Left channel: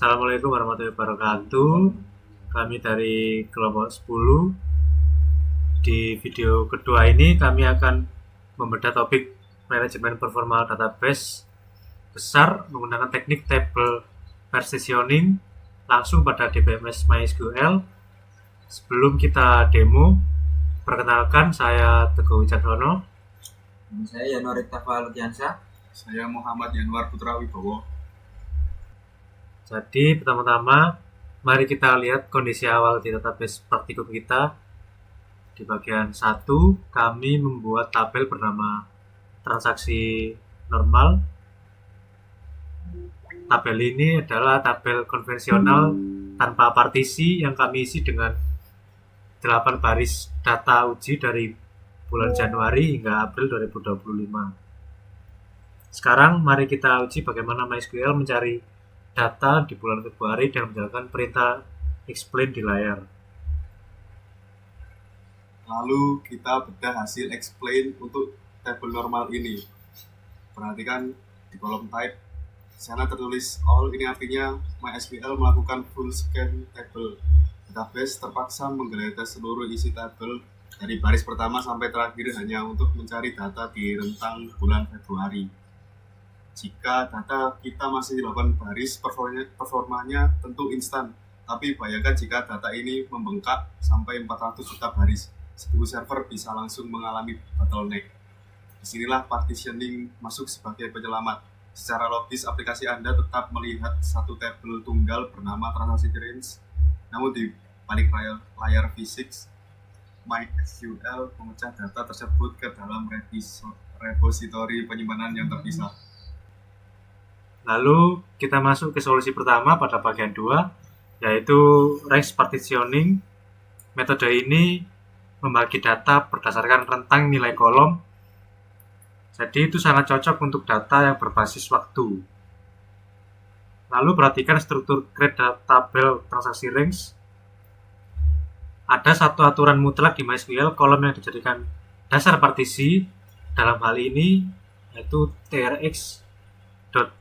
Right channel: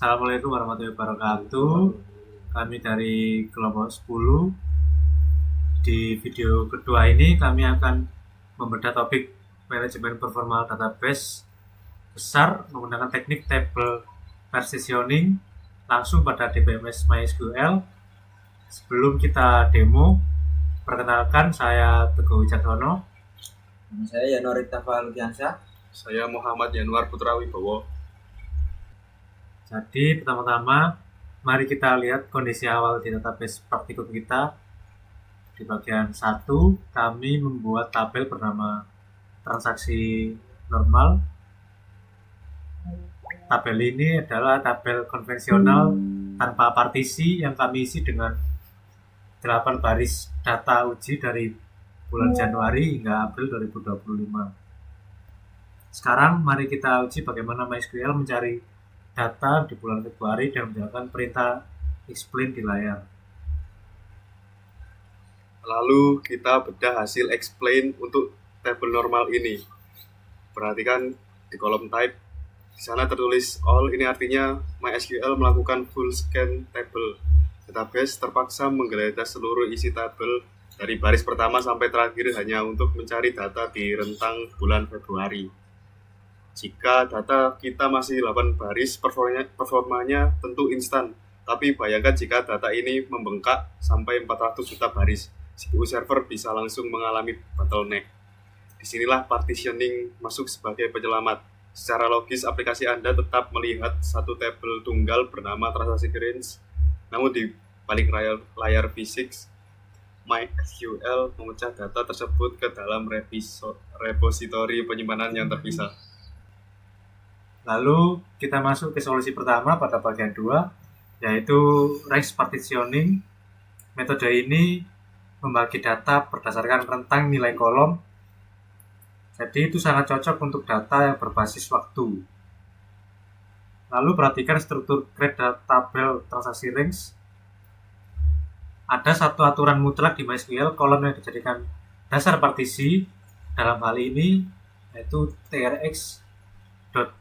Assalamualaikum warahmatullahi wabarakatuh. Kami dari kelompok 10. Di video kedua ini kami akan membedah topik manajemen performal database besar menggunakan teknik table partitioning langsung pada DBMS MySQL. Sebelum kita demo, perkenalkan, saya Teguh Wicaksono. Saya Yanori Tafalukiansa. Saya Muhammad Yanuar Putra Wibowo. Jadi pertama-tama mari kita lihat kondisi awal di database praktikum kita. Di bagian 1 kami membuat tabel bernama transaksi normal. Tabel ini adalah tabel konvensional tanpa partisi yang kami isi dengan 8 baris data uji dari bulan Januari hingga April 2025. Sekarang mari kita uji bagaimana MySQL mencari data di bulan Februari dengan menjalankan perintah explain di layar. Lalu kita bedah hasil explain untuk tabel normal ini. Perhatikan di kolom type, di sana tertulis all, ini artinya MySQL melakukan full scan table. Database terpaksa menggeledah seluruh isi tabel dari baris pertama sampai terakhir hanya untuk mencari data di rentang bulan Februari. Jika data kita masih 8 baris, performanya tentu instan. Tapi bayangkan jika data ini membengkak sampai 400 juta baris, CPU server bisa langsung mengalami bottleneck. Disinilah partitioning masuk sebagai penyelamat. Secara logis, aplikasi Anda tetap melihat satu tabel tunggal bernama transaksi range, namun di balik layar fisik, MySQL memecah data tersebut ke dalam repositori penyimpanan yang terpisah. Lalu kita masuk ke solusi pertama pada bagian 2, yaitu range partitioning. Metode ini membagi data berdasarkan rentang nilai kolom. Jadi itu sangat cocok untuk data yang berbasis waktu. Lalu perhatikan struktur create tabel transaksi range. Ada satu aturan mutlak di MySQL kolom yang dijadikan dasar partisi. Dalam hal ini yaitu trx_date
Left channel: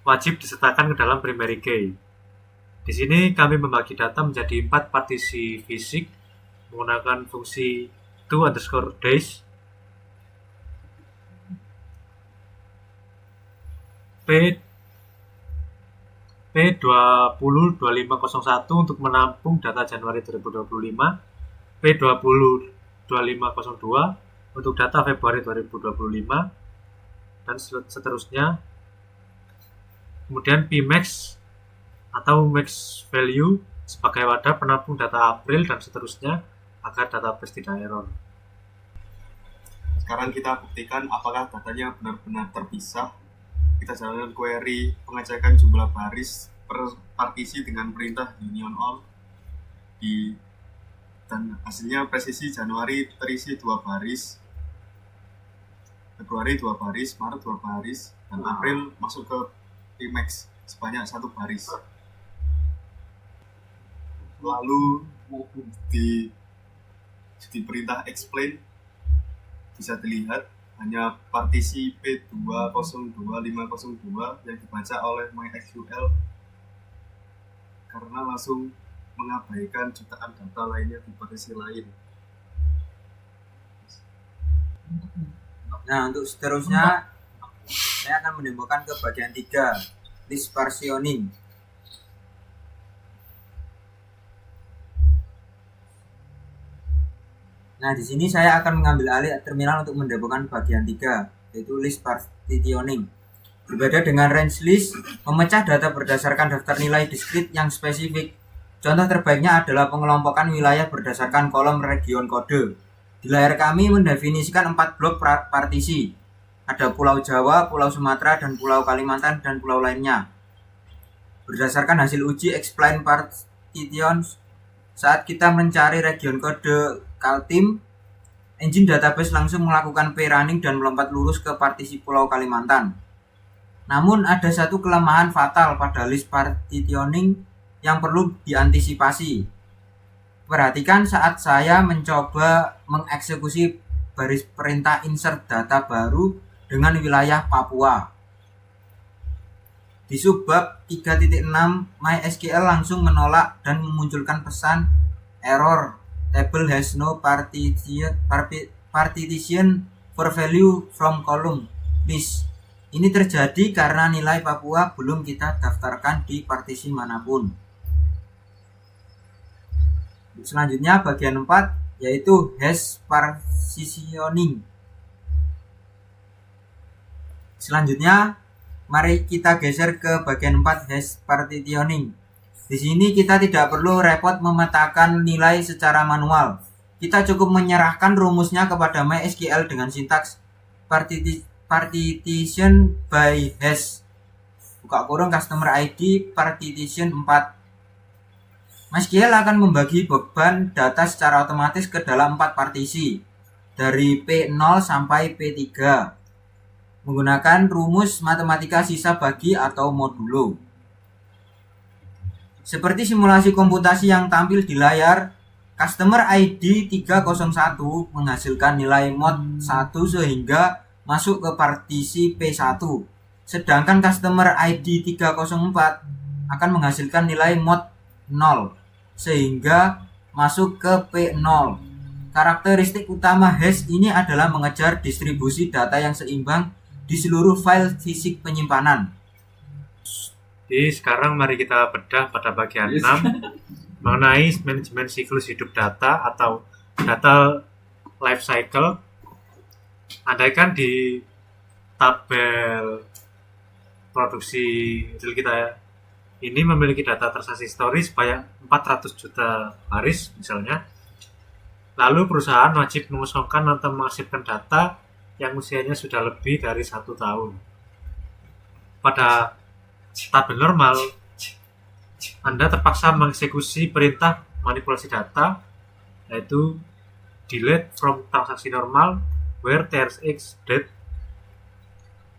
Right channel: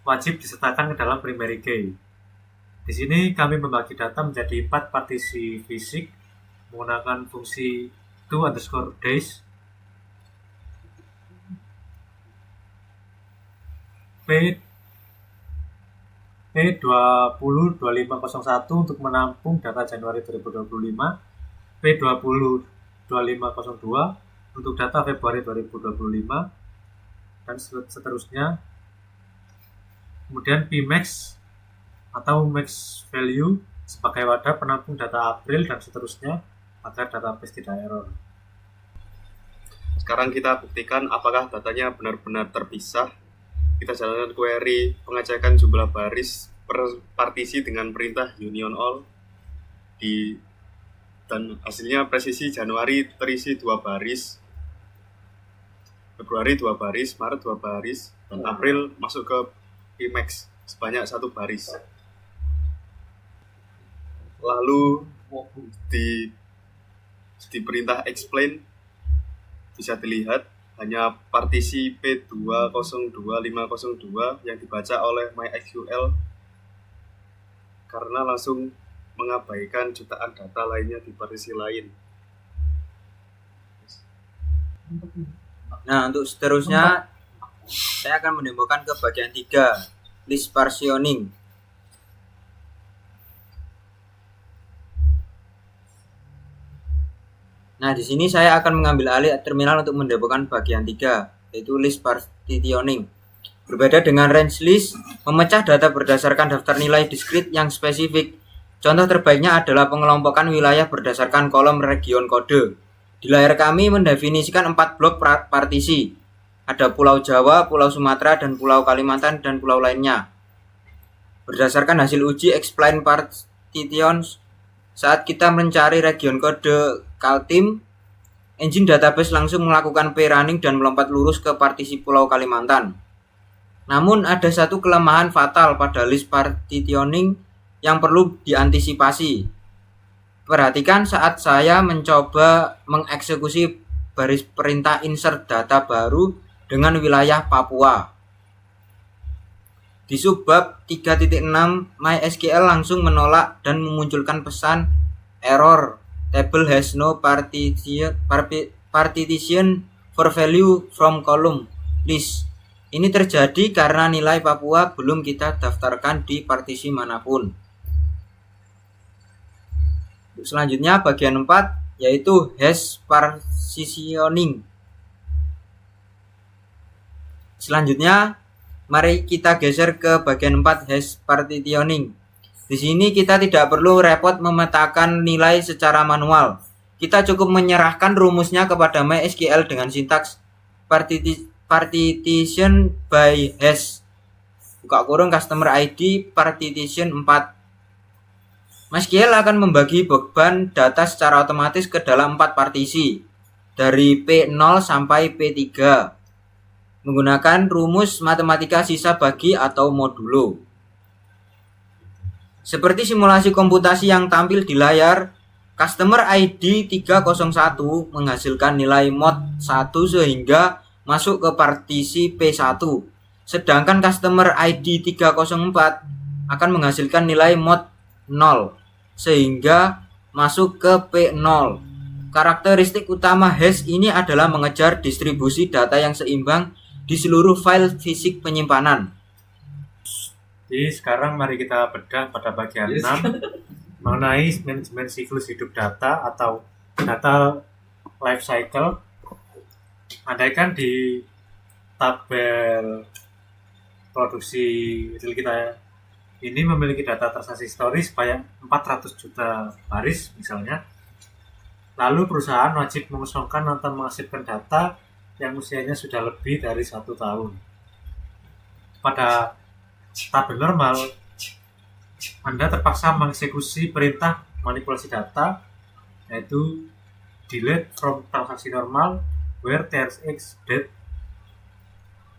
wajib disertakan ke dalam primary key. Di sini kami membagi data menjadi 4 partisi fisik menggunakan fungsi to_days, P202501 untuk menampung data Januari 2025, P202502 untuk data Februari 2025, dan seterusnya. Kemudian Pmax atau max value sebagai wadah penampung data April dan seterusnya agar database tidak error. Sekarang kita buktikan apakah datanya benar-benar terpisah. Kita jalankan query pengecekan jumlah baris per partisi dengan perintah union all dan hasilnya presisi Januari terisi 2 baris, Februari 2 baris, Maret 2 baris, dan April masuk ke Pmax sebanyak 1 baris. Lalu di perintah explain bisa dilihat hanya partisi P202502 yang dibaca oleh MySQL karena langsung mengabaikan jutaan data lainnya di partisi lain. Nah, untuk seterusnya saya akan mendemokan ke bagian 3, list partitioning. Nah, di sini saya akan mengambil alih terminal untuk mendemokan bagian 3, yaitu list partitioning. Berbeda dengan range list, memecah data berdasarkan daftar nilai diskrit yang spesifik. Contoh terbaiknya adalah pengelompokan wilayah berdasarkan kolom region kode. Di layar kami mendefinisikan 4 blok partisi. Ada Pulau Jawa, Pulau Sumatera, dan Pulau Kalimantan, dan pulau lainnya. Berdasarkan hasil uji explain partitions, saat kita mencari region kode Kaltim, engine database langsung melakukan p-running dan melompat lurus ke partisi Pulau Kalimantan. Namun ada satu kelemahan fatal pada list partitioning yang perlu diantisipasi. Perhatikan saat saya mencoba mengeksekusi baris perintah insert data baru dengan wilayah Papua. Di subbab 3.6 MySQL langsung menolak dan memunculkan pesan error table has no partition for value from column list. Ini terjadi karena nilai Papua belum kita daftarkan di partisi manapun. Selanjutnya bagian 4 yaitu hash partitioning. Selanjutnya mari kita geser ke bagian 4 hash partitioning. Di sini kita tidak perlu repot memetakan nilai secara manual. Kita cukup menyerahkan rumusnya kepada MySQL dengan sintaks partition by hash buka kurung customer ID partition 4. MySQL akan membagi beban data secara otomatis ke dalam 4 partisi dari P0 sampai P3 menggunakan rumus matematika sisa bagi atau modulo. Seperti simulasi komputasi yang tampil di layar, customer ID 301 menghasilkan nilai mod 1 sehingga masuk ke partisi P1. Sedangkan customer ID 304 akan menghasilkan nilai mod 0 sehingga masuk ke P0. Karakteristik utama hash ini adalah mengejar distribusi data yang seimbang di seluruh file fisik penyimpanan. Jadi sekarang mari kita bedah pada bagian 6 mengenai manajemen siklus hidup data atau data life cycle. Andaikan di tabel produksi real kita ini memiliki data transaksi historis sebanyak 400 juta baris misalnya. Lalu perusahaan wajib mengosongkan atau mengarsipkan data yang usianya sudah lebih dari 1 tahun. Pada tabel normal, Anda terpaksa mengeksekusi perintah manipulasi data, yaitu delete from transaksi normal where TRX date.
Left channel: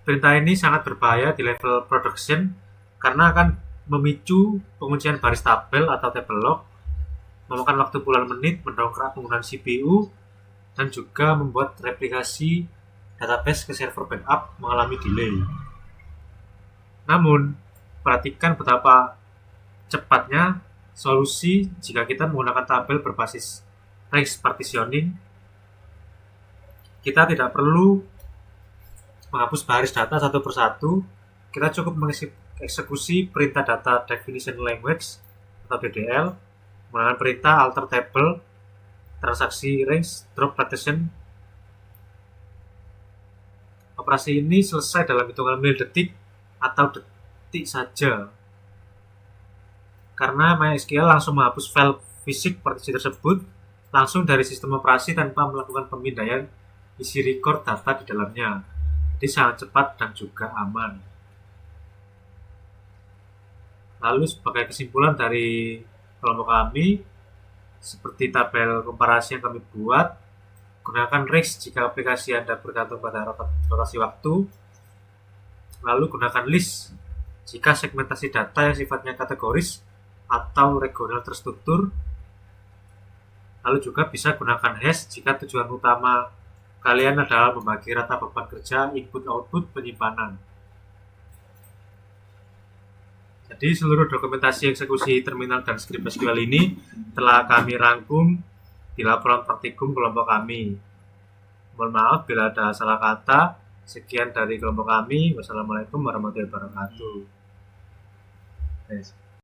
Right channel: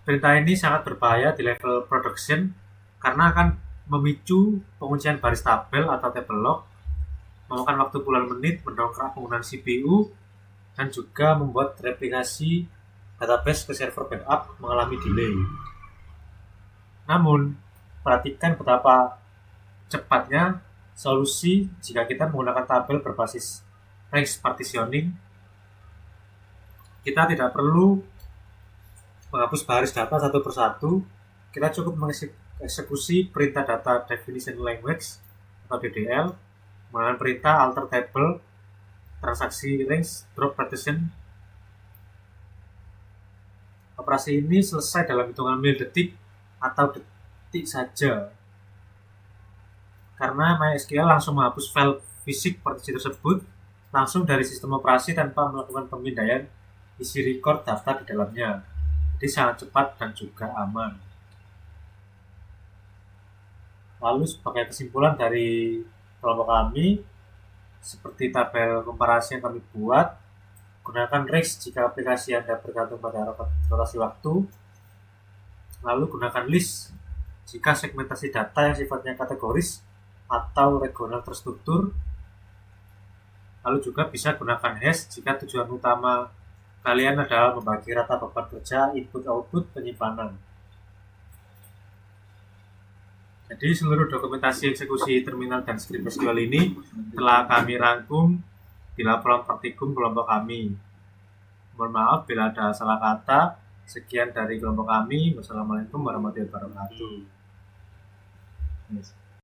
Perintah ini sangat berbahaya di level production karena akan memicu penguncian baris tabel atau table log, memakan waktu puluhan menit, mendongkrak penggunaan CPU, dan juga membuat replikasi database ke server backup mengalami delay. Namun, perhatikan betapa cepatnya solusi jika kita menggunakan tabel berbasis range partitioning. Kita tidak perlu menghapus baris data satu persatu. Kita cukup mengeksekusi perintah data definition language atau DDL menggunakan perintah alter table transaksi range drop partition. Operasi ini selesai dalam hitungan milidetik atau detik saja, karena MySQL langsung menghapus file fisik partisi tersebut langsung dari sistem operasi tanpa melakukan pemindaian isi record data di dalamnya. Jadi sangat cepat dan juga aman. Lalu sebagai kesimpulan dari kelompok kami, seperti tabel komparasi yang kami buat, gunakan REX jika aplikasi Anda bergantung pada rotasi waktu. Lalu gunakan list jika segmentasi data yang sifatnya kategoris atau regional terstruktur. Lalu juga bisa gunakan hash jika tujuan utama kalian adalah membagi rata beban kerja input-output penyimpanan. Jadi seluruh dokumentasi eksekusi terminal dan skrip SQL ini telah kami rangkum di laporan praktikum kelompok kami. Mohon maaf bila ada salah kata. Sekian dari kelompok kami. Wassalamualaikum warahmatullahi wabarakatuh.